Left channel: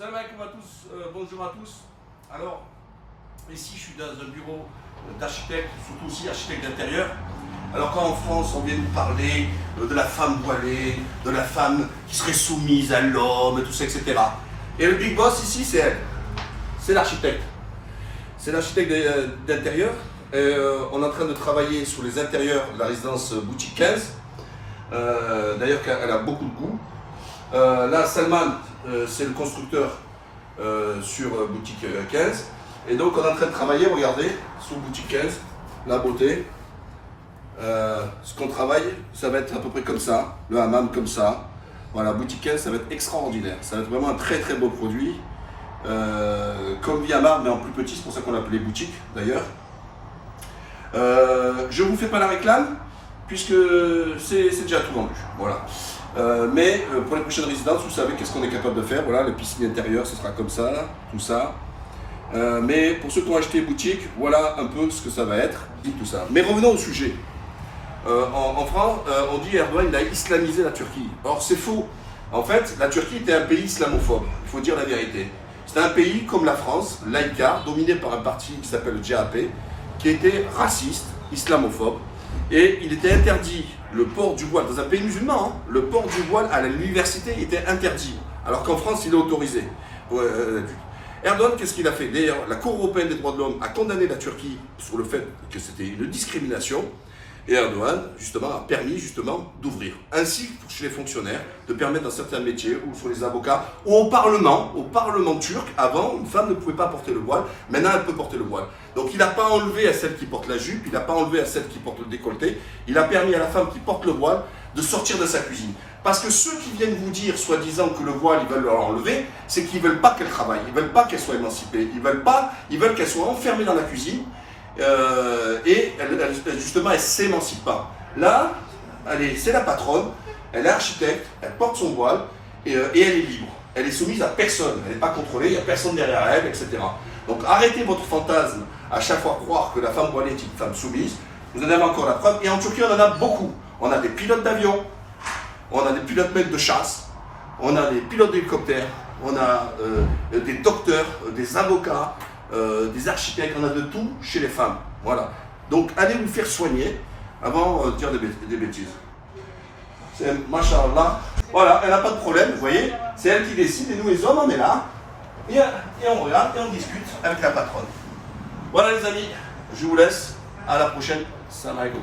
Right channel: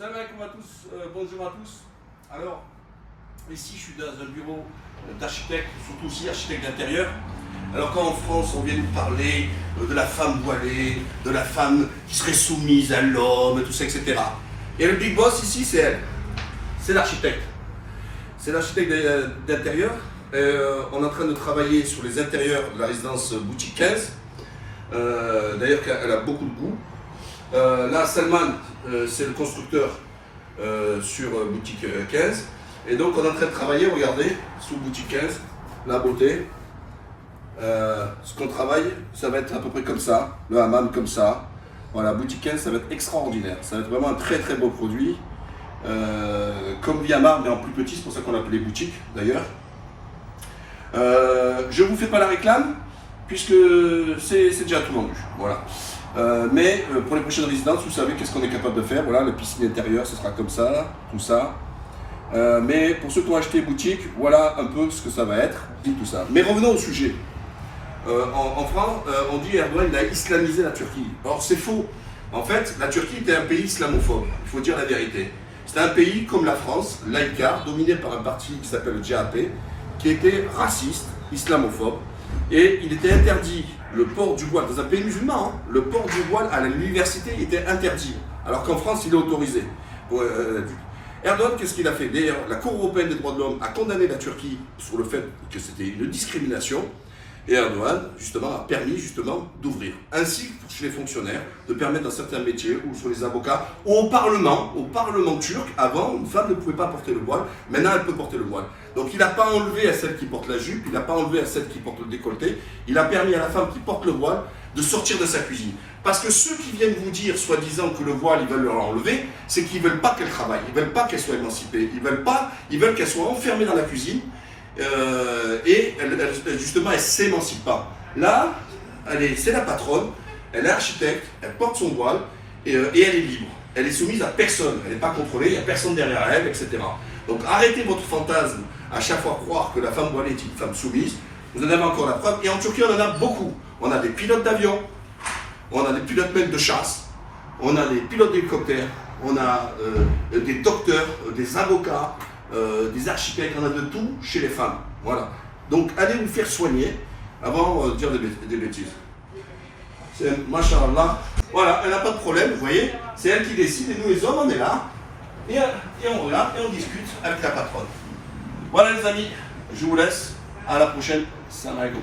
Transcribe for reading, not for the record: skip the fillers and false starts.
Salam alaikum à tous, bonjour à tous. Alors, ici je suis dans un bureau d'architecte, surtout aussi architecte d'intérieur. Alors quand en France on vient nous parler de la femme voilée, de la femme qui serait soumise à l'homme, et tout ça, etc. Et le big boss ici c'est elle, c'est l'architecte. C'est l'architecte d'intérieur. On est en train de travailler sur les intérieurs de la résidence Boutique 15. D'ailleurs elle a beaucoup de goût. Là, Salman, c'est le constructeur sur Boutique 15. Et donc, on est en train de travailler, regardez, sous Boutique 15, la beauté. Ce qu'on travaille, ça va être à peu près comme ça, le hammam comme ça. Voilà, Boutique 15, ça va être extraordinaire. Ça va être vraiment un très très beau produit. Comme Viamar, mais en plus petit, c'est pour ça qu'on l'appelait Boutique d'ailleurs. Je ne vous fais pas la réclame, puisque c'est déjà tout vendu. Voilà. Mais pour les prochaines résidences, vous savez qu'est-ce qu'on est capable de faire. Voilà, les piscines intérieures, ce sera comme ça, tout ça. Mais pour ceux qui ont acheté boutique, voilà un peu ce que ça va être, tout ça. Mais revenons au sujet. En France, on dit Erdogan il a islamisé la Turquie. Or, c'est faux. En fait, la Turquie était un pays islamophobe, il faut dire la vérité. C'était un pays comme la France, laïcard, dominé par un parti qui s'appelle le JAP, qui était raciste, islamophobe. Et il était interdit, le port du voile, dans un pays musulman, hein, le port du voile à l'université était interdit, alors qu'en France il est autorisé. Erdogan, qu'est-ce qu'il a fait? D'ailleurs, la Cour européenne des droits de l'homme a condamné la Turquie sur le fait que c'était une discrimination. Et Erdogan, justement, a permis justement d'ouvrir, ainsi que chez les fonctionnaires, de permettre dans certains métiers, ou sur les avocats, ou au Parlement turc, avant, une femme ne pouvait pas porter le voile, maintenant elle peut porter le voile. Donc il n'a pas enlevé à celle qui porte la jupe, il n'a pas enlevé à celle qui porte le décolleté, il a permis à la femme qui porte le voile de sortir de sa cuisine. Parce que ceux qui viennent vous dire, soi-disant, que le voile, ils veulent leur enlever, c'est qu'ils ne veulent pas qu'elle travaille, ils ne veulent pas qu'elle soit émancipée, ils veulent qu'elle soit enfermée dans la cuisine, et justement, elle ne s'émancipe pas. Là, c'est la patronne, elle est architecte, elle porte son voile, et elle est libre. Elle est soumise à personne, elle n'est pas contrôlée, il n'y a personne derrière elle, etc. Donc arrêtez votre fantasme à chaque fois croire que la femme voilée est une femme soumise. Vous en avez encore la preuve, et en Turquie on en a beaucoup. On a des pilotes d'avion, on a des pilotes de chasse, on a des pilotes d'hélicoptères, on a des docteurs, des avocats, des architectes, on a de tout chez les femmes. Voilà. Donc allez vous faire soigner avant de dire des bêtises. C'est machallah. Voilà, elle n'a pas de problème, vous voyez. C'est elle qui décide et nous les hommes on est là. Et on regarde et on discute avec la patronne. Voilà les amis, je vous laisse. À la prochaine. Salam alaikum.